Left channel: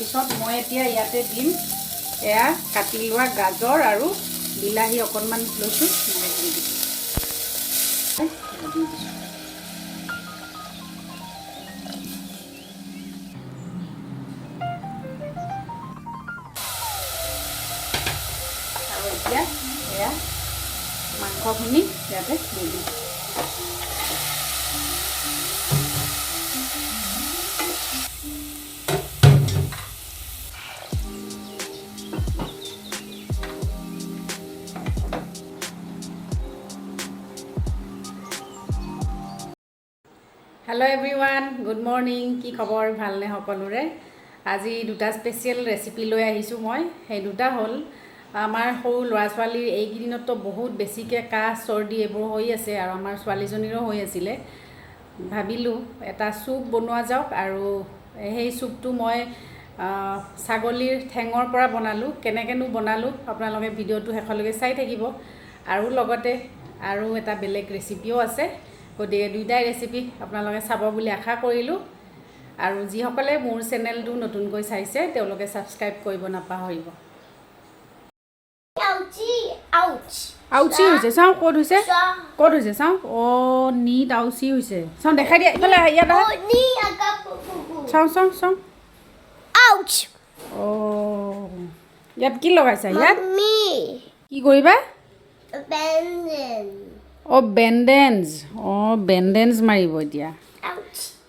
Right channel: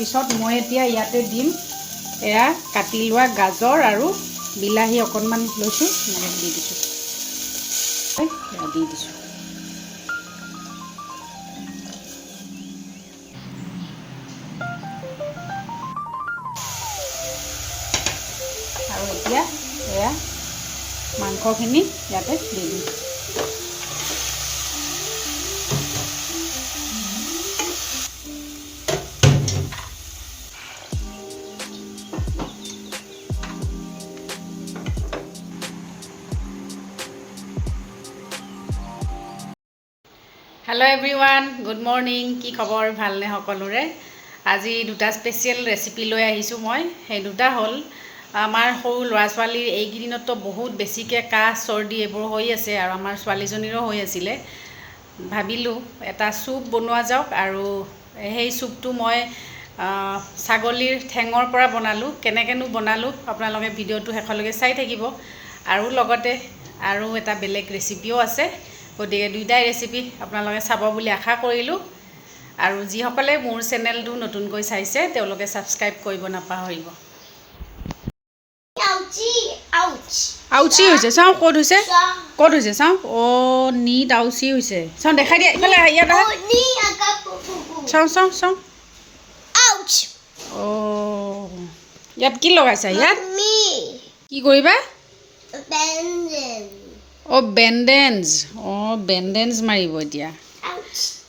পিছত মই এতিয়া ইয়াতে দিম এয়া কাটি লোৱা গাজৰ আৰু বিলাহী অকণমান লৈছোঁ, দি দিছোঁ দি দিছোঁ। আৰু এতিয়া এয়া মাংসখিনি ইয়াতে দি দিম। Hello' everyone, good morning. কি খবৰ? ভালনে সকলোৰে? আজি দুটা স্পেচিয়েল ৰেচিপি লৈ আহিছোঁ মই। সেই দুটা হ'ল আমাৰ সৰু ল'ৰা ছোৱালীৰ এইকেইদিনতো বহুত বেছিকৈ কাহ চৰ্দি এইবোৰ হৈ আছে, আৰু আমাৰ ছোৱালীজনীৰো হৈ আছিলে। ভাবিলোঁ এটা চুপ বনোৱা যাওক, আৰু সেই চুপটো মই ছাগলীৰ ঠেঙৰ পৰা বনালোঁ। কেনেকৈনো বনালোঁ আপোনালোকে ভিডিঅ'টো শেষলৈকে চাই থাকিব। আৰু লগতে আৰু এটা বেলেগ ৰেচিপিও আছে, গতিকে দুইটাই ৰেচিপি আপোনালোকে চাব বুলি আশা কৰিলোঁ। আৰু যিসকলে মোৰ চেনেলটো নতুনকৈ চাইছে তেওঁলোকে ছাবস্ক্ৰাইব কৰিব নাপাহৰিব। আউচি হৈছে, চাওঁ ক'ত হৈছে, ক'ত হৈছে চাওঁ। অ' নীট আউচি হৈছে, চাওঁ দেখাই দিয়া ইফালে, ইয়াত চাওঁ চাওঁ চাওঁ। অ' ইয়াত কি লগাইছা? ইয়াত কি কৰিবা? অ' বেণ্ডেজ। অ' বেণ্ডেজ মাৰিব এতিয়া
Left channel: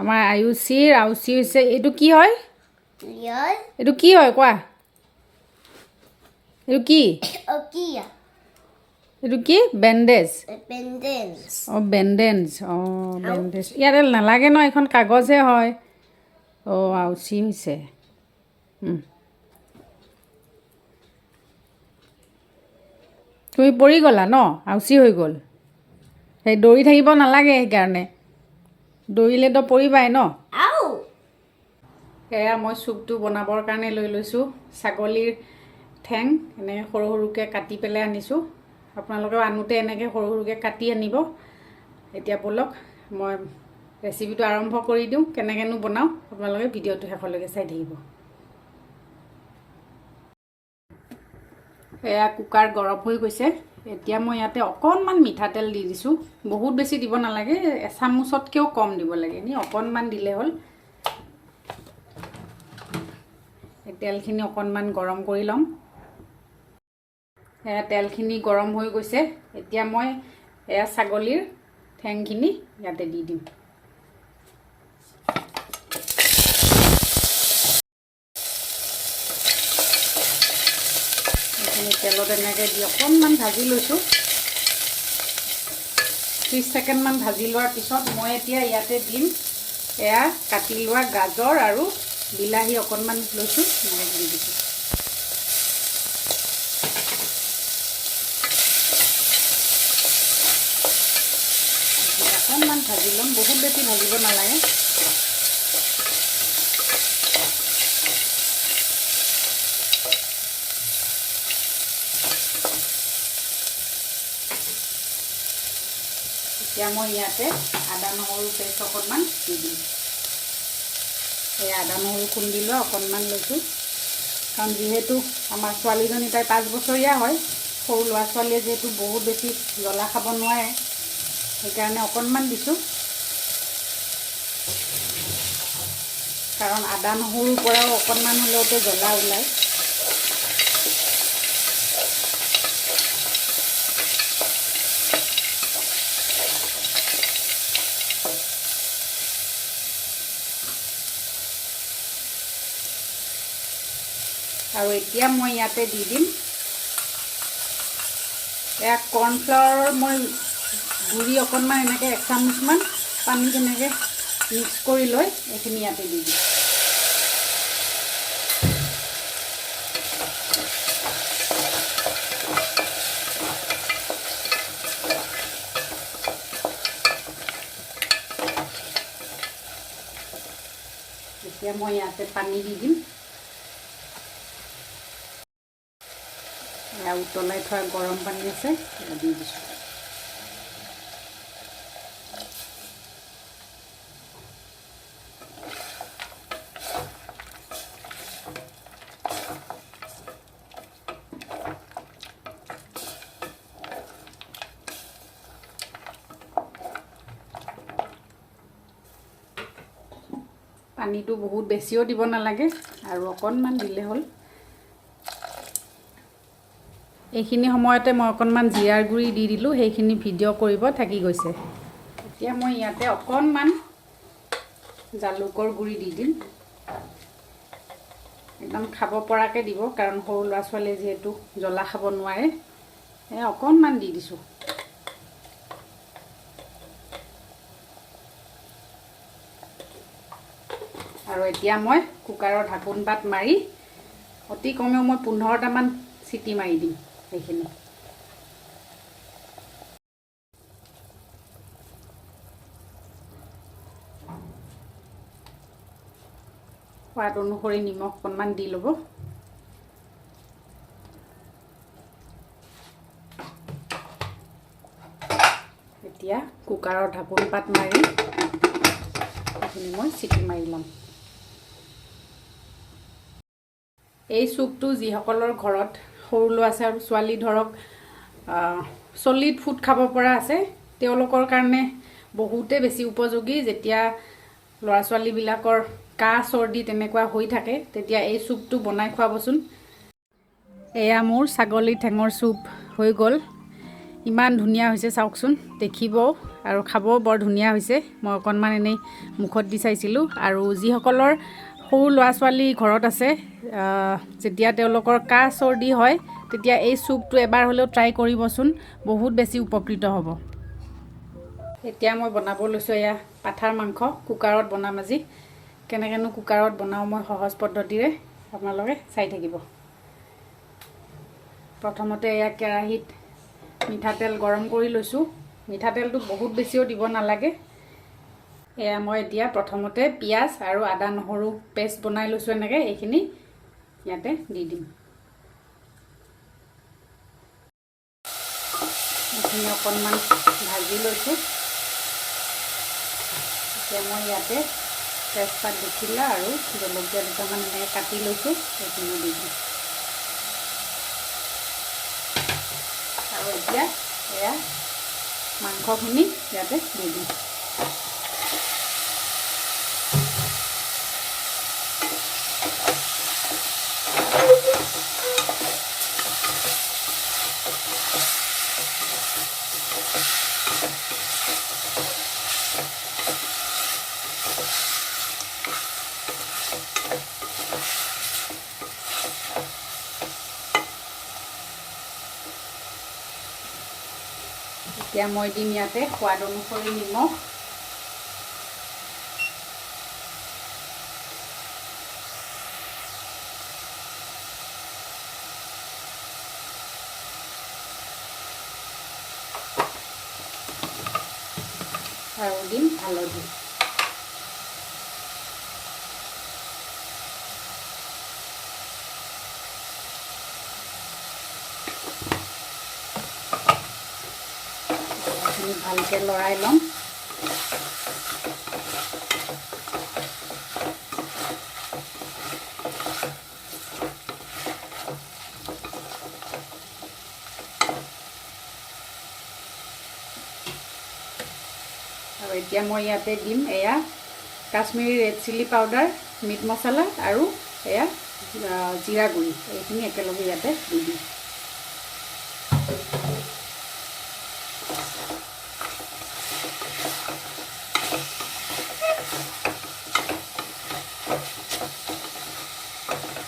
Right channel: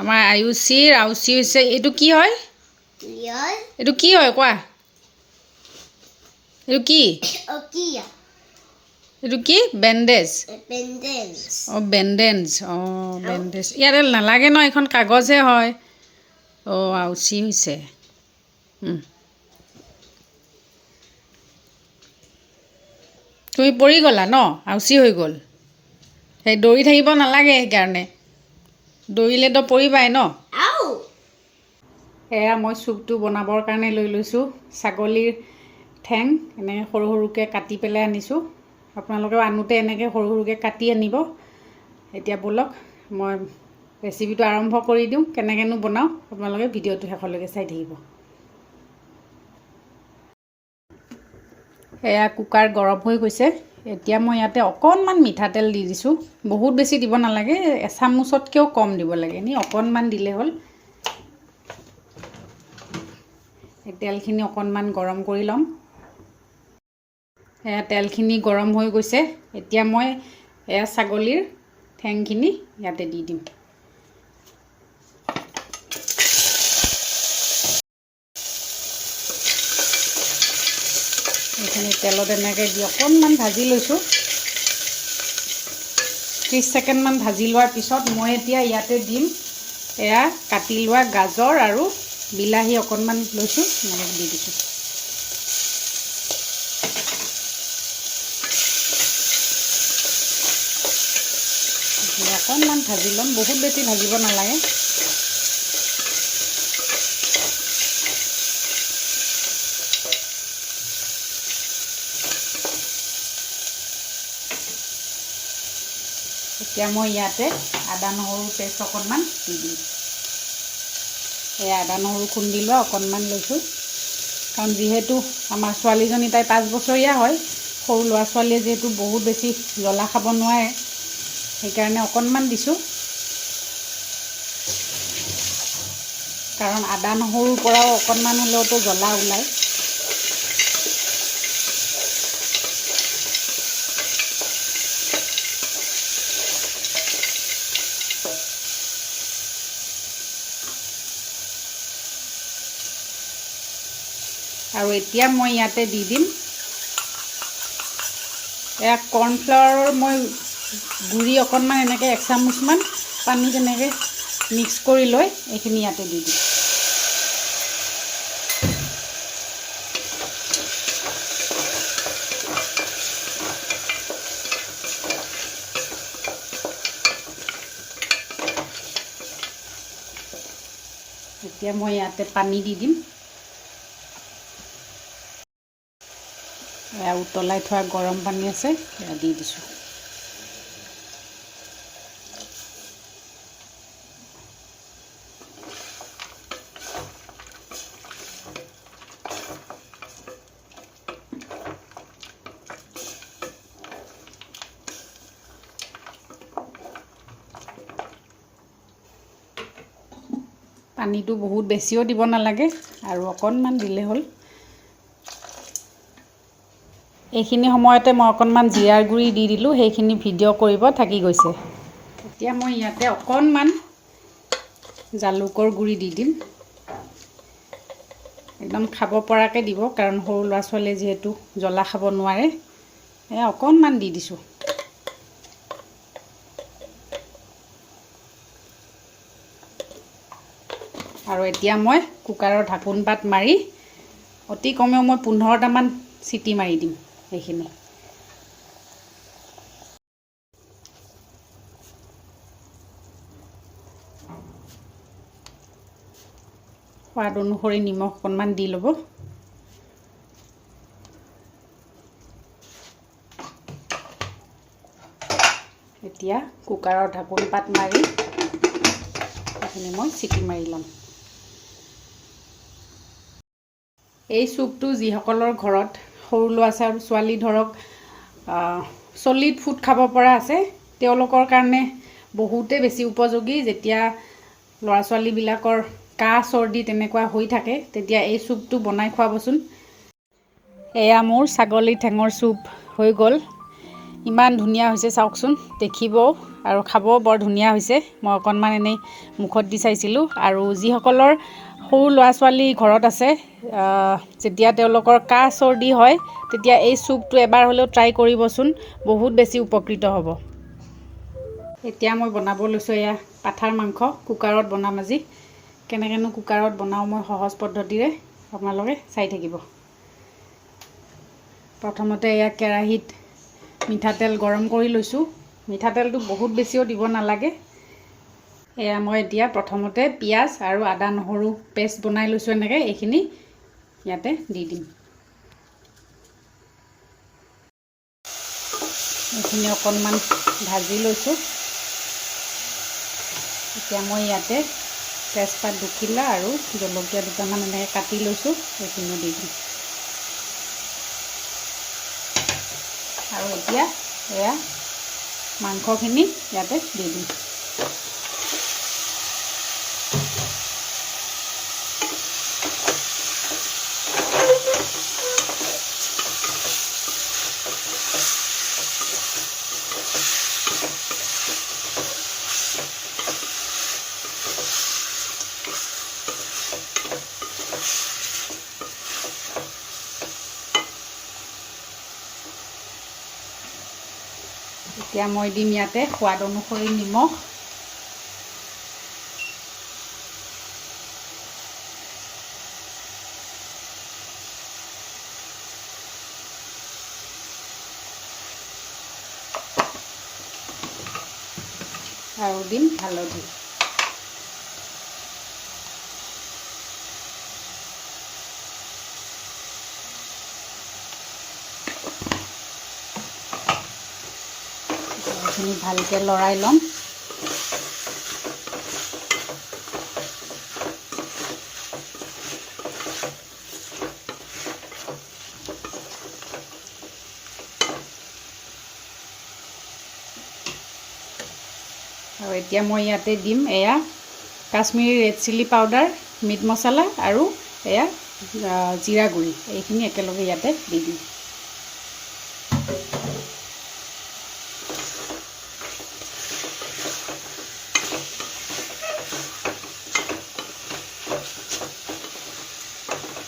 আমাৰ আয়ুষীৰ। আউচি হৈছে। এইটো কি হয়? এইটো কি হয় কোৱা? এইটো কি? এইটো কি? বেণ্ডেজ। অঁ বেণ্ডেজ। অঁ বেণ্ডেজ ইয়াতে নালাগে ন, এইখন কাগজহে হয়। অঁ আউচি হৈছে। তুমি পৰি গ'লা ন, আউচি হৈ গ'ল। সেই দৌৰি থাকিব নালাগে, সেইকাৰণে দৌৰিলেতো পৰিবাই ন। এয়া মই চুপটো বনাবৰ কাৰণে লৈ লৈছোঁ ছাগলীৰ ঠেং। এনেকৈ সৰু সৰুকৈ কাটি পেলাই আনিছোঁ। আপোনালোকেও আনোতে এনেকৈ সৰু সৰুকৈ কাটি আনিব। এতিয়া ব'লক মই ৰেচিপিটো আৰম্ভ কৰি দিওঁ। কেনেকৈনো বনাওঁ আপোনালোকে ভিডিঅ'টো শেষলৈকে চাই থাকিব। এয়া কুকাৰ গৰম হৈ গৈছে। এতিয়া মই ইয়াতে অকণমান মিঠাতেল দি দিছোঁ। বহুত বেছি দিব নালাগে, এচামুচতকৈও কম দিব লাগে, এনেই অকণমান দিলে হ'ল। এই তেলখিনি অকণমান গৰম কৰি ল'ম। এয়া তেলখিনি গৰম হৈ গৈছে। এতিয়া মই এয়া ছাগলীৰ ঠেংখিনি ইয়াতে দি দিম। এইখিনি তেলত এনেকৈ দি অকণমান ভাজি লৈছোঁ। 30 ছেকেণ্ডমান ভাজি লোৱাৰ পিছত মই এতিয়া ইয়াতে দিম এয়া কাটি লোৱা গাজৰ আৰু বিলাহী অকণমান লৈছোঁ, দি দিছোঁ। অকণমান ভাজি ল'ম, বহুত বেছি ভাজিব নালাগে। এতিয়া মই ইয়াতে আদা নহৰু পেষ্ট অকণমান দি দিম। এই আদা নহৰু খুন্দি লোৱা অকণমান লৈছোঁ, কাৰণ যিহেতু আমাৰ ছোৱালীজনী তাই 5 বছৰীয়া হয়। সৰু ল'ৰা ছোৱালীয়ে যিহেতু বহুত বেছি জ্বলা খাব নোৱাৰে, সেইকাৰণে অকণমান দিছোঁ। কাৰণ আদা নহৰুৰ পৰাও অকণমান হ'লেওতো জ্বলা ওলায়। আৰু এতিয়া মই ইয়াতে দি দিম এয়া কৰ্ণফ্লাৱাৰৰ মই গুড়ি অকণমান এনেকৈ 1 চামুচমান পানীত এনেকৈ মিক্স কৰি লৈ এইখিনি ইয়াতে দি দিম। এতিয়া মই ইয়াতে পানী দি দিম। উতলাই থোৱা গৰম পানী আছে, সেয়া দি দিছোঁ। পানীটো বহুত বেছিও দিব নালাগে আৰু অকণমান দিলে হ'ল। এইখিনি সময়তে মই অকণমান জিৰাৰ গুড়ি দি দিলোঁ, সেইখিনি ভিডিঅ' কৰিব থাকি গৈছে। এতিয়া মই ইয়াতে অকণমান জালুকৰ গুড়ি দি দিম, একদম খাব পৰাকৈ দিব, কাৰণ সৰু ল'ৰা ছোৱালীয়ে যিহেতু জ্বলা খাব নোৱাৰে। এয়া অকণমান দি দিছোঁ। আৰু এতিয়া মই কুকাৰৰ ঢাকোন পাত মাৰি অতি কমেও মই 15টামান চিটি মাৰি দিম এইখিনি। সোৱাদ অনুসৰি নিমখ অকণমান দি ল'ব। এতিয়া কুকাৰৰ ঢাকোন পাত মাৰি এইখিনি মই চিটি মাৰি ল'ম। এই চুপটো যিসকলৰ ঘৰত সৰু ল'ৰা ছোৱালী ধৰক চলিড ফুড খাব পৰা আছে, তেওঁলোকৰ কাৰণে বহুতে বেছি উপযোগী। যেতিয়া ল'ৰা ছোৱালীবিলাকৰ কাহ চৰ্দি তেনেকুৱা হৈ থাকে, তেতিয়া এই চুপটো বনাই খুৱাবচোন। এয়া মোৰ ছাগলী ঠেঙৰ চুপ হৈ গ'ল। ইমান ধুনীয়া হৈছে চাওকচোন, দেখিবও আৰু খাবও বৰ ধুনীয়া হৈছে। মই অকণমান এনেই মুখত দি চাইছিলোঁ। আৰু যিসকলৰ সৰু ল'ৰা ছোৱালী ঘৰত আছে, যেতিয়া তেওঁলোকৰ কাহ চৰ্দি হয়, তেতিয়া এই চুপটো এবাৰ হ'লেও ট্ৰাই কৰিবচোন, বহুত বেছি উপকৃত হ'ব। এতিয়া মই বনাব লৈছোঁ এয়া পাঠাৰ মাংস। কুকাৰত বনাম আজি। কেনেকৈনো কুকাৰত বনাওঁ মই সহজ পদ্ধতিৰে, আপোনালোকে চাই থাকিব। প্ৰথমতে এয়া কেৰাহীত মিঠাতেল গৰম কৰি লৈছোঁ। মিঠাতেলটো বহুত বেছিও দিব নালাগে। এয়া মই এতিয়া প্ৰথমতে পিঁয়াজ আৰু আদা নহৰু পেষ্ট বনাই লৈছোঁ এনেকৈ, এইখিনি ইয়াতে দি দিম। এইখিনি অকণমান ভাজি লৈছোঁ। এতিয়া মই ইয়াতে তেজপাত দুখিলা আৰু জলকীয়া দুটামান এনেকৈ কাটি লৈছোঁ, সেইখিনি দি দিম। আৰু এতিয়া এয়া মাংসখিনি ইয়াতে দি দিম। এতিয়া মই দিম ইয়াতে সোৱাদ অনুসৰি নিমখ। আৰু দিম হালধি। এইখিনি ভালকৈ লৰাই ল'ম। আৰু এতিয়া মই ইয়াতে দিম এয়া Kashmiri red chilli powder, meat মছলা আৰু এয়া জিৰা গুড়ি, এইখিনি একেলগে ইয়াতে দি দিম।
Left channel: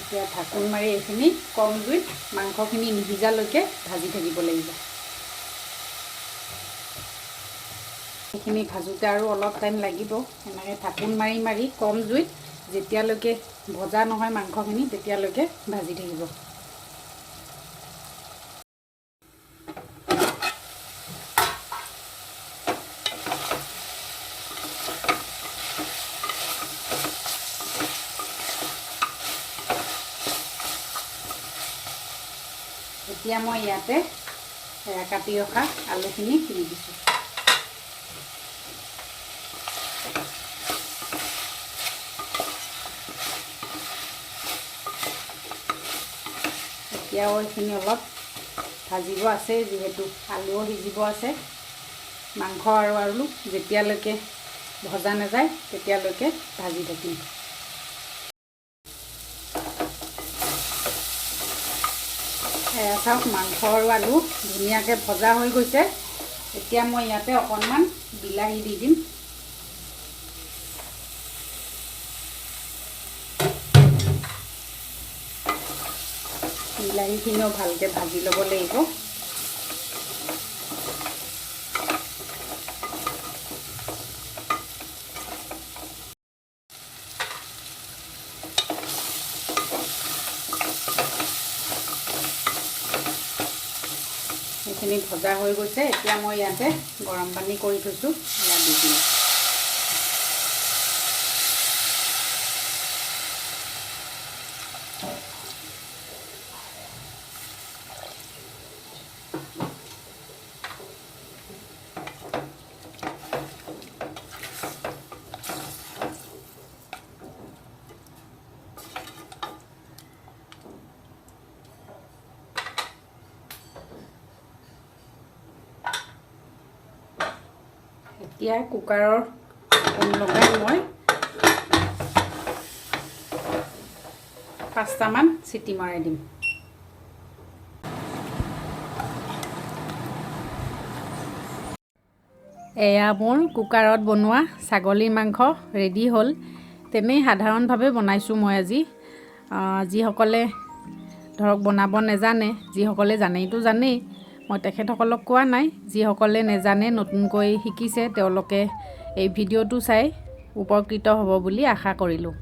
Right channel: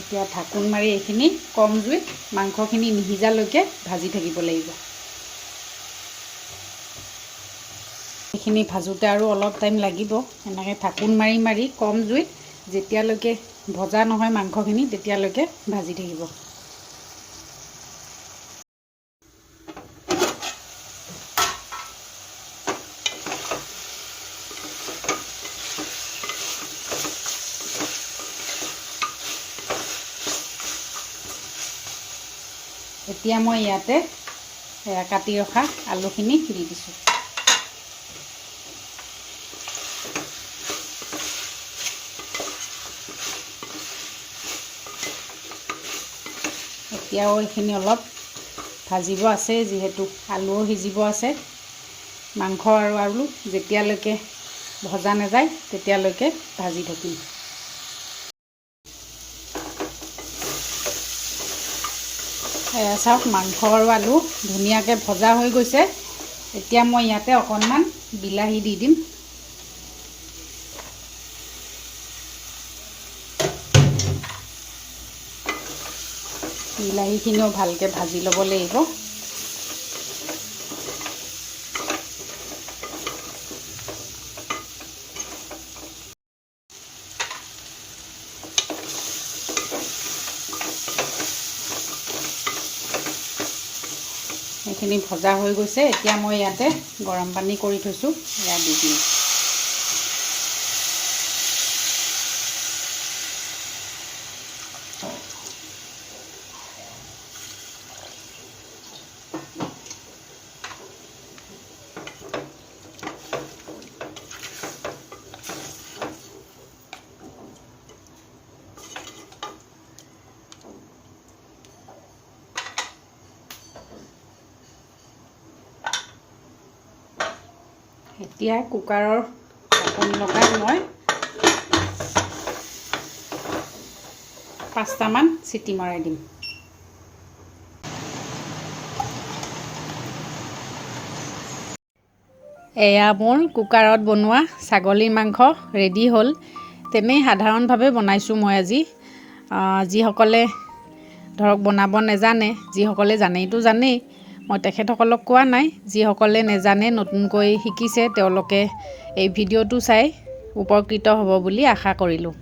এতিয়া ঢাকোন মাৰি এইখিনি কম জুইত মাংসখিনি নিসিজালৈকে ভাজি থাকিব লাগিব। এইখিনি ভাজোঁতে আৰু অলপ টাইম লাগিব। এনেকৈ ঢাকোন মাৰি মাৰি কম জুইত যেতিয়ালৈকে ভজা নহয় মাংসখিনি, তেতিয়ালৈকে ভাজি থাকিব। এতিয়া মই ইয়াতে কাটি ৰখা আলুখিনি দি দিছোঁ। এতিয়াও এইখিনি অলপ ভাজিব আছে, যিহেতু আলুও সিজিব আছে। মাংস আৰু আলু যেতিয়ালৈকে ভজা নাযায় তেতিয়ালৈকে ভাজি থাকিম। এয়া চাওক মাংস আৰু আলু ধুনীয়াকৈ ভজা হৈ গৈছে। এতিয়া মই ইয়াতে অকণমান বিলাহী দি দিম। বিলাহীখিনিও ভালকৈ ভাজি ল'ব লাগিব। সেইখিনি ভজা হৈ গৈছে। এতিয়া মই ইয়াতে গৰম পানী কৰি থৈছোঁ, ইয়াত দি দিম। এতিয়া কুকাৰৰ ঢাকন লগাই মই 5টামান চিটি মাৰি দিম। এয়া মোৰ কুকাৰত বনোৱা ছাগলীৰ মাংস ৰেডি হ'ল। তেনেই সাধাৰণভাৱে বনাইছোঁ মই আজি। যিসকলে ধৰক বনাব নেজানে, যিসকলে জানেইতো জানেই, মই তেখেতসকলক কোৱা নাই। যিসকলে নেজানে নতুনকৈ শিকিছে তেওঁলোকে এই ভিডিঅ'টো চাই উপকৃত হ'ব বুলি আশা কৰিলোঁ।